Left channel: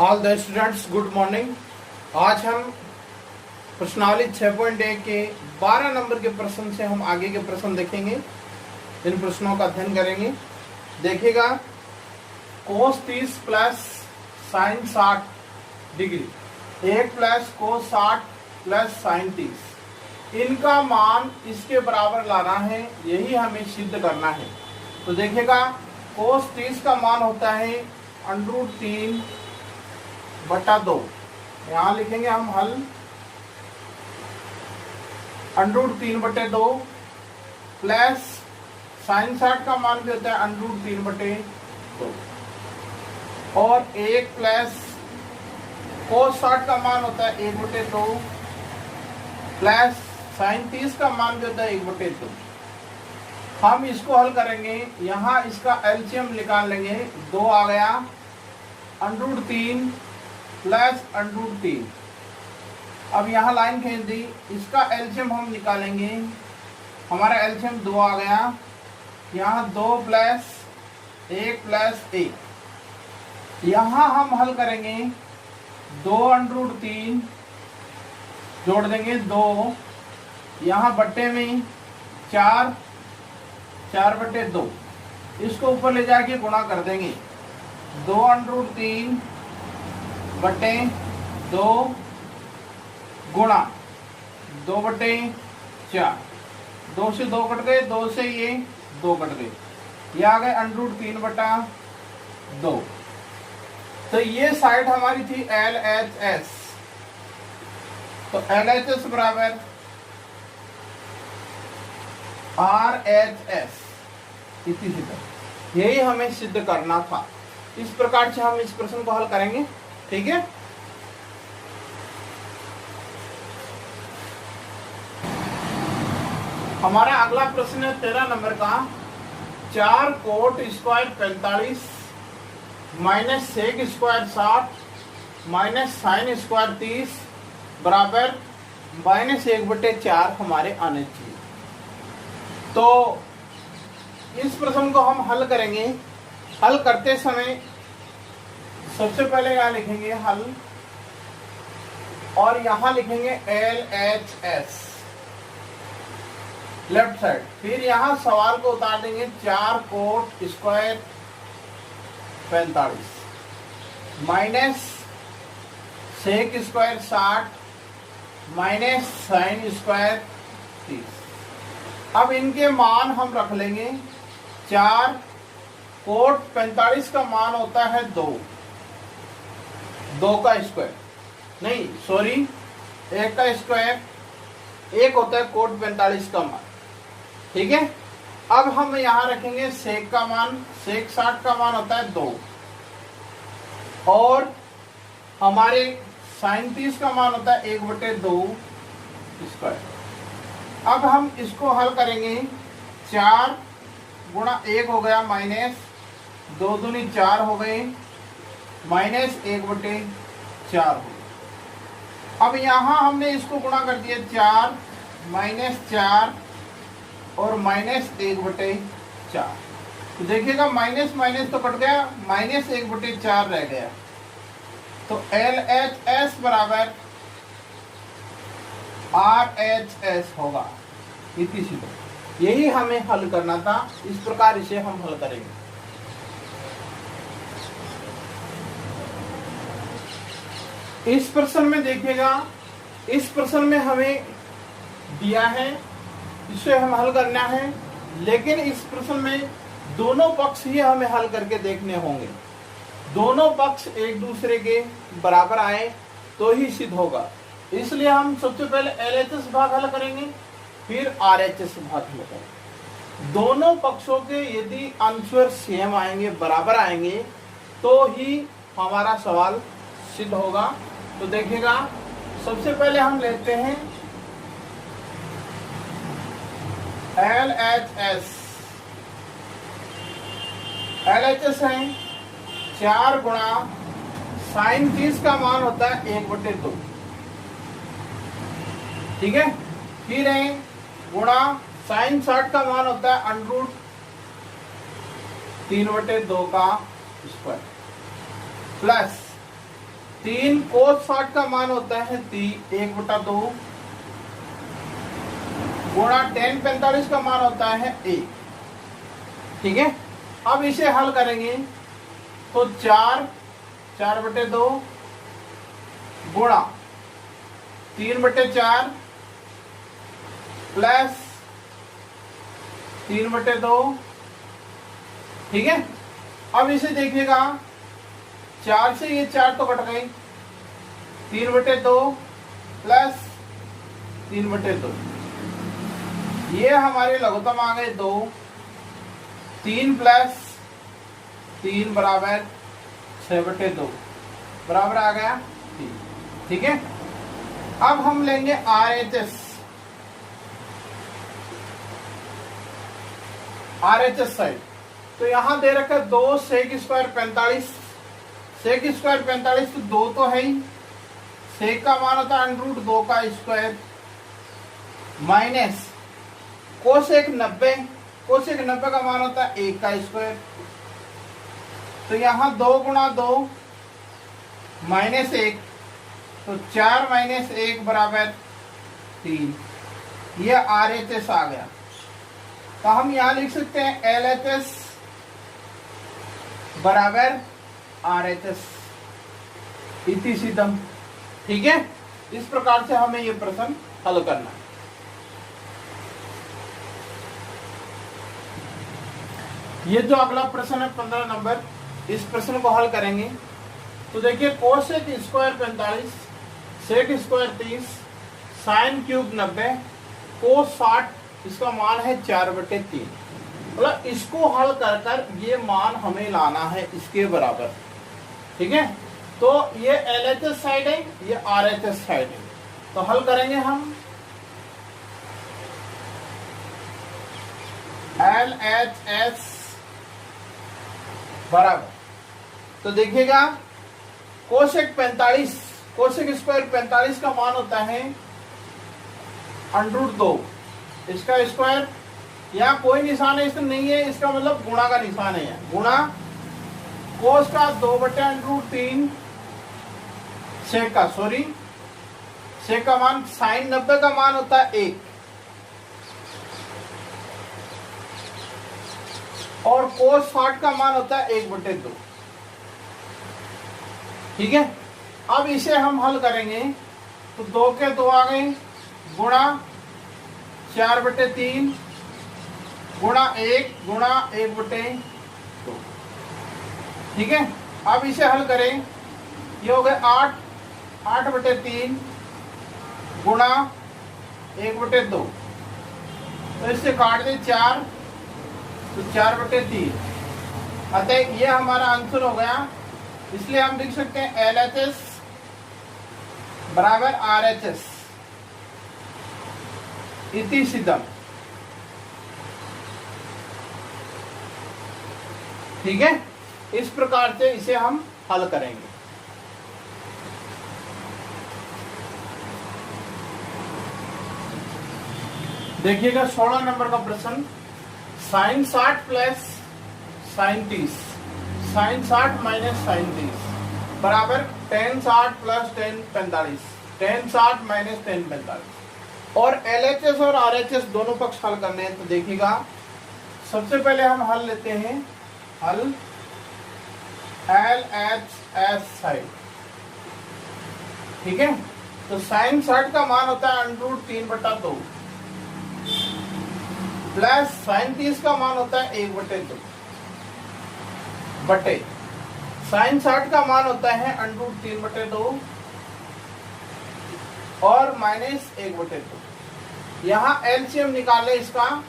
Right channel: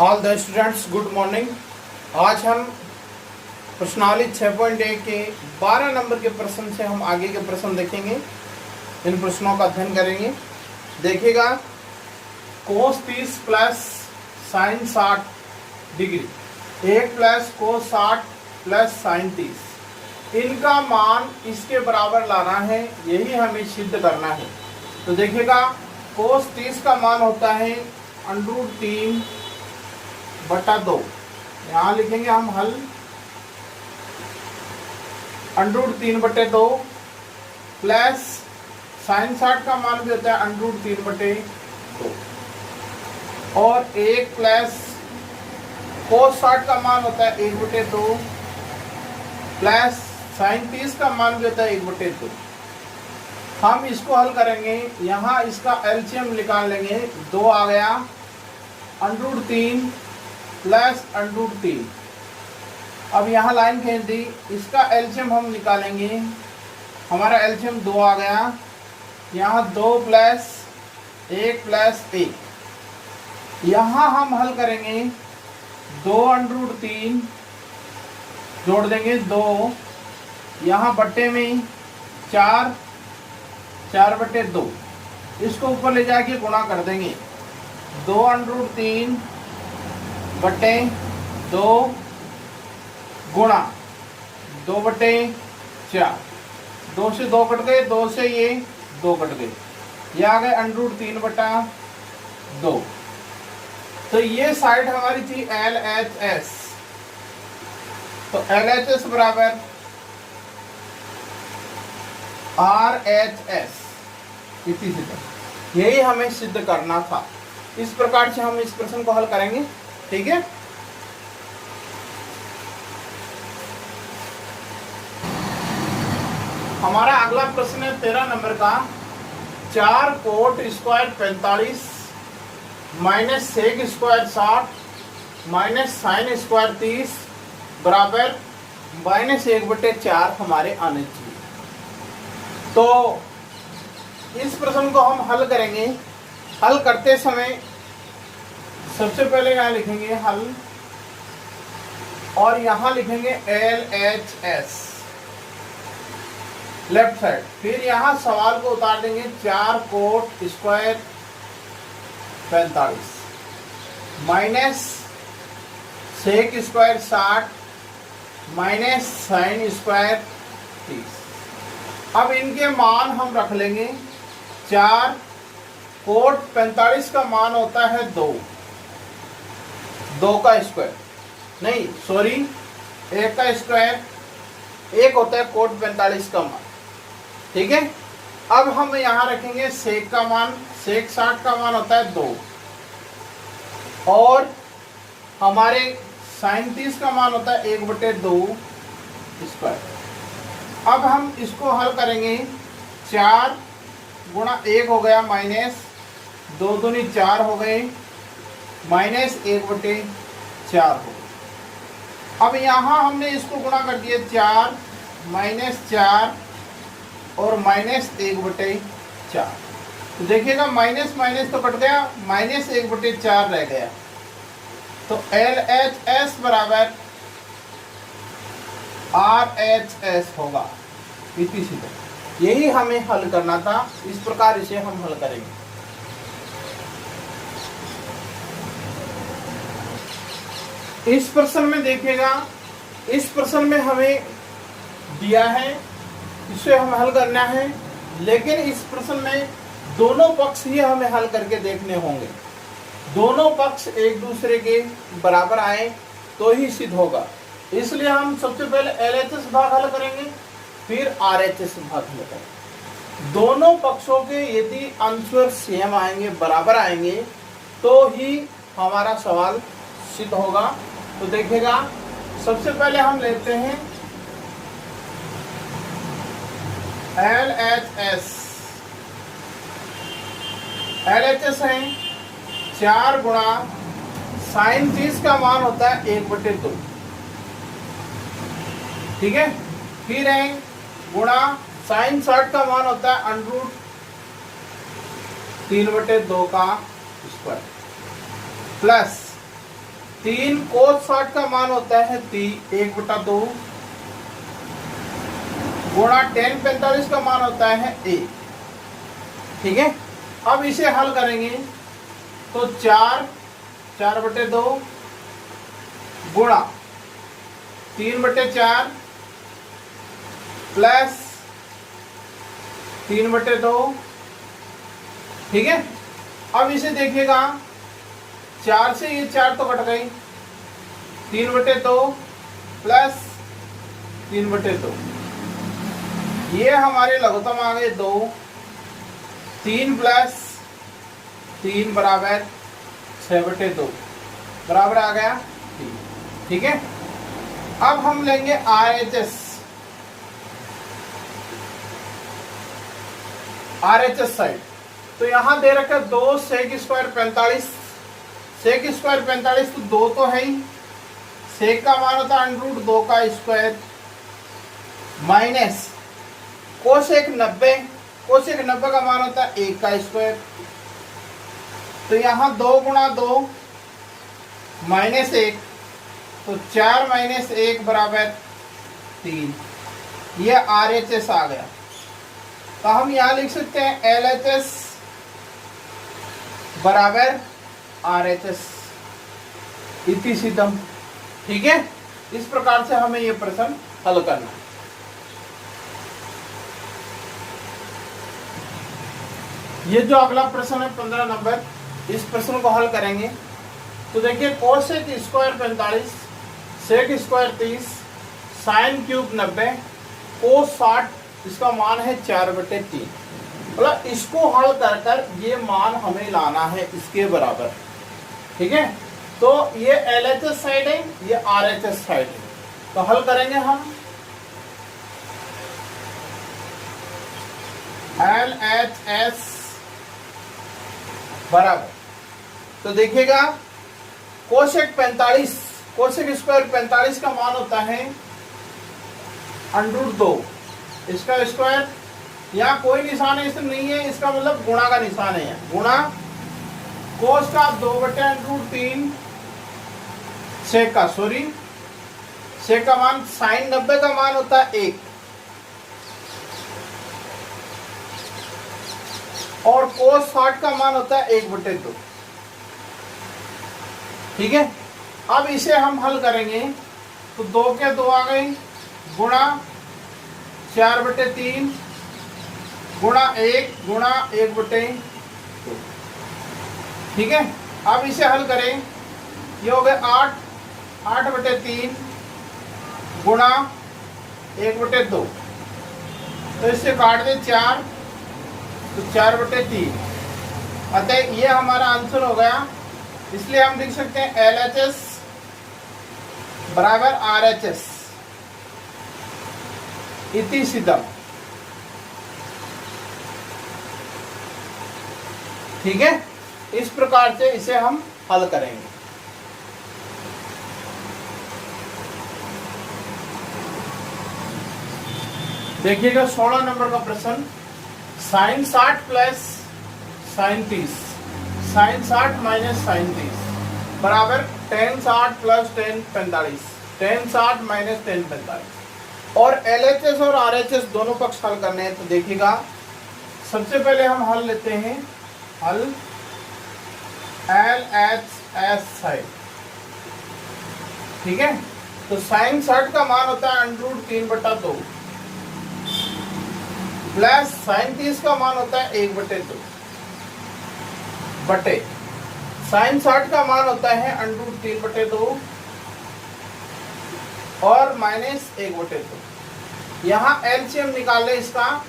All the students good morning. आज हम प्रश्नावली 6.1 के 12 नंबर के प्रश्न से हम आगे के प्रश्न देखेंगे। इन प्रश्नों का अध्ययन करेंगे। देखिएगा, कोस 30 plus sign 60 degree 1 plus cos 60 plus sine 30, इनका मान इसके बराबर लाना है, यही हमें सिद्ध करना है। तो देखिएगा, कोस 30 का मान होता है √3/2। यहाँ लिखेंगे हम हल √3/2 प्लस साइन 60 का मान भी होता है √3/2 और 1 प्लस कोस 60 का मान होता है 1/2 प्लस साइन 30 का मान भी होता है 1/2। हम इसको हल करेंगे, यहाँ इसका एलसीएम निकाल लेंगे। 2 आ गया, √3 प्लस √3। अब यहाँ लाइन खींच दी, इसका एलसीएम हम निकालेंगे। हमारा एलसीएम 2 आ गया, यहाँ 2 प्लस 1 प्लस 1। यहाँ हम हल करेंगे, 2 √3 जोड़ देंगे 2, यहाँ बट्टे में 4 4/2, इसको ऊपर ले जाके गुणा कर देंगे। 2 √3/2 गुणा 2/4। 2 से 2 कट गए, 2 से ये 2 कट गए, ये आ गए √3/2। तो ये साइड हमारी थी LHS। तो LHS बराबर RHS, इसी तरह यही हमें सिद्ध करना था। इस प्रकार से हम इस प्रश्न को हल करेंगे। ठीक है, हमारा अगला प्रश्न है 13 नंबर का। 4 cot square 45 minus sec square 60 minus sine square 30 बराबर -1/4 हमारे आने चाहिए। तो इस प्रश्न को हम हल करेंगे। हल करते समय सबसे पहले यहाँ लिखेंगे हल और यहाँ लिखेंगे LHS लेफ्ट साइड। फिर यहाँ सवाल को उतार देंगे, 4 cot square 45 minus sec square 60 minus sine square 30। अब इनके मान हम रख लेंगे। 4 कोट 45 का मान होता है 2 का स्क्वायर, नहीं सॉरी 1 का स्क्वायर, 1 होता है कोट 45 का मान। ठीक है, अब हम यहाँ रखेंगे सेक का मान। सेक 60 का मान होता है 2 और हमारे साइन 30 का मान होता है 1/2 स्क्वायर। अब हम इसको हल करेंगे। 4 गुणा 1 हो गया माइनस 2 दूनी 4 हो गए, माइनस 1/4 हो गया। अब यहाँ हमने इसको गुणा कर दिया, 4 माइनस 4 और माइनस 1/4। तो देखिएगा, माइनस माइनस तो कट गया, माइनस 1/4 रह गया। तो LHS बराबर RHS होगा। इतनी सीधा, यही हमें हल करना था। इस प्रकार इसे हम हल करेंगे। इस प्रश्न में देखिएगा, इस प्रश्न में हमें दिया है, इसे हम हल करना है, लेकिन इस प्रश्न में दोनों पक्ष ही हमें हल करके देखने होंगे। दोनों पक्ष एक दूसरे के बराबर आए तो ही सिद्ध होगा। इसलिए हम सबसे पहले LHS भाग हल करेंगे, फिर RHS भाग हल करेंगे। दोनों पक्षों के यदि आंसर सेम आएंगे, बराबर आएंगे, तो ही हमारा सवाल सिद्ध होगा। तो देखिएगा, सबसे पहले हम लेते हैं LHS। LHS है 4 गुणा साइन 30 का मान होता है 1/2। ठीक है, फिर है गुणा साइन 60 का मान होता है √3/2 का स्क्वायर प्लस 3 cos 60 का मान होता है 1/2 गुणा tan 45 का मान होता है 1। ठीक है, अब इसे हल करेंगे तो 4/2 गुणा 3/4 प्लस 3/2। ठीक है, अब इसे देखिएगा 4 से ये 4 तो कट गई, 3/2 प्लस 3/2, ये हमारे लघुत्तम आ गए 2। 3 प्लस 3 बराबर 6/2 बराबर आ गया। ठीक है, अब हम लेंगे RHS साइड। तो यहां दे रखा 2 sec स्क्वायर 45, sec स्क्वायर 45 तो 2 तो है ही, sec का मान होता है √2 का स्क्वायर माइनस कोसेक 90, कोसेक 90 का मान होता है 1 का स्क्वायर। तो यहां 2 गुणा 2 माइनस 1, तो 4 माइनस 1 बराबर 3। ये RHS आ गया। तो हम यहां लिख सकते हैं LHS बराबर RHS इति सिद्धम। ठीक है, इस प्रकार से हमें ये प्रश्न हल करना है। ये जो अगला प्रश्न है 15 नंबर, इस प्रश्न को हल करेंगे तो देखिए cosec square 45, sec square 30, sine cube 90, cos 60, इसका मान है 4/3। मतलब इसको हल कर कर ये मान हमें लाना है इसके बराबर। ठीक है, तो ये LHS साइड है, ये RHS साइड है, तो हल करेंगे हम। LHS बराबर, तो देखिएगा कोसेक 45, कोसेक स्क्वायर 45 का मान होता है √2, इसका स्क्वायर, यहाँ कोई निशान ऐसे नहीं है, इसका मतलब गुणा का निशान है, गुणा कोस का 2/√3 सेक का, सॉरी सेक का मान, साइन 90 का मान होता है 1 और कोस 60 का मान होता है 1/2। ठीक है, अब इसे हम हल करेंगे तो 2 के 2 आ गए गुणा 4/3 गुणा 1 गुणा 1/2। ठीक है, अब इसे हल करें, ये हो गए 8/3 गुणा 1/2, तो इससे काट दे 4, तो 4/3। अतः ये हमारा आंसर हो गया। इसलिए हम लिख सकते हैं LHS बराबर RHS इति सिद्धम। ठीक है, इस प्रकार से इसे हम हल करेंगे। देखिएगा 16 नंबर का प्रश्न, sine 60 plus sine 30, sine 60 minus sine 30 बराबर tan 60 plus tan 45, tan 60 minus tan 45। और LHS और RHS दोनों पक्ष हल करने हैं। तो देखिएगा सबसे पहले हम हल लेते हैं, हल LHS साइड। ठीक है, तो साइन 60 का मान होता है √3/2 प्लस साइन 30 का मान होता है 1/2 बटे साइन 60 का मान होता है √3/2 और माइनस 1/2। यहाँ एलसीएम निकाल ले इसका,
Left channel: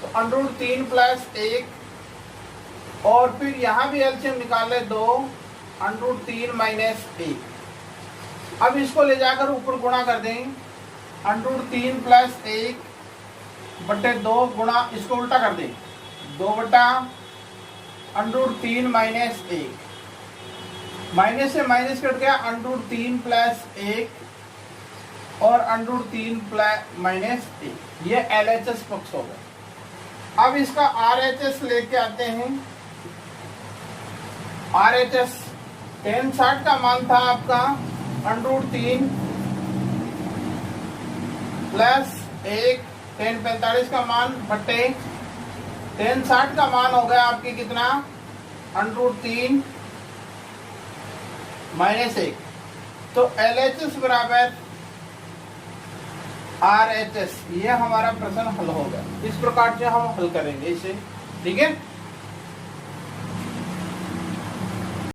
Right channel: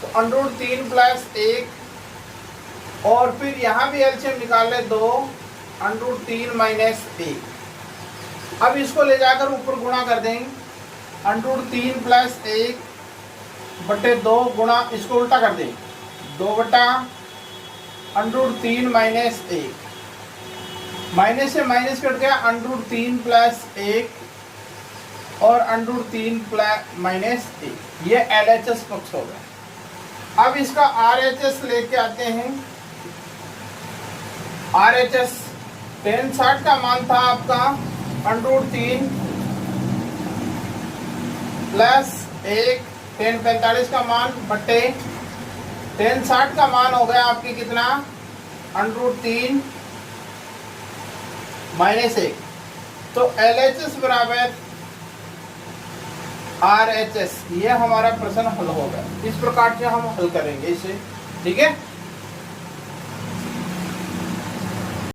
तो √3 प्लस 1 और फिर यहाँ भी एलसीएम निकाल ले 2, √3 माइनस 1। अब इसको ले जाकर ऊपर गुणा कर दें, √3 प्लस 1 बटे 2 गुणा, इसको उल्टा कर दें 2/√3 माइनस 1, माइनस से माइनस कट गया, √3 प्लस 1 और √3 प्लस माइनस 1। ये LHS पक्ष हो गया। अब इसका RHS लेके आते हैं। RHS टेन 60 का मान था आपका √3 प्लस 1 टेन 45 का मान बटे टेन 60 का मान हो गया आपकी कितना √3 -1। तो LHS बराबर RHS, ये हमारा प्रश्न हल हो गया। इस प्रकार से हम हल करेंगे इसे, ठीक है।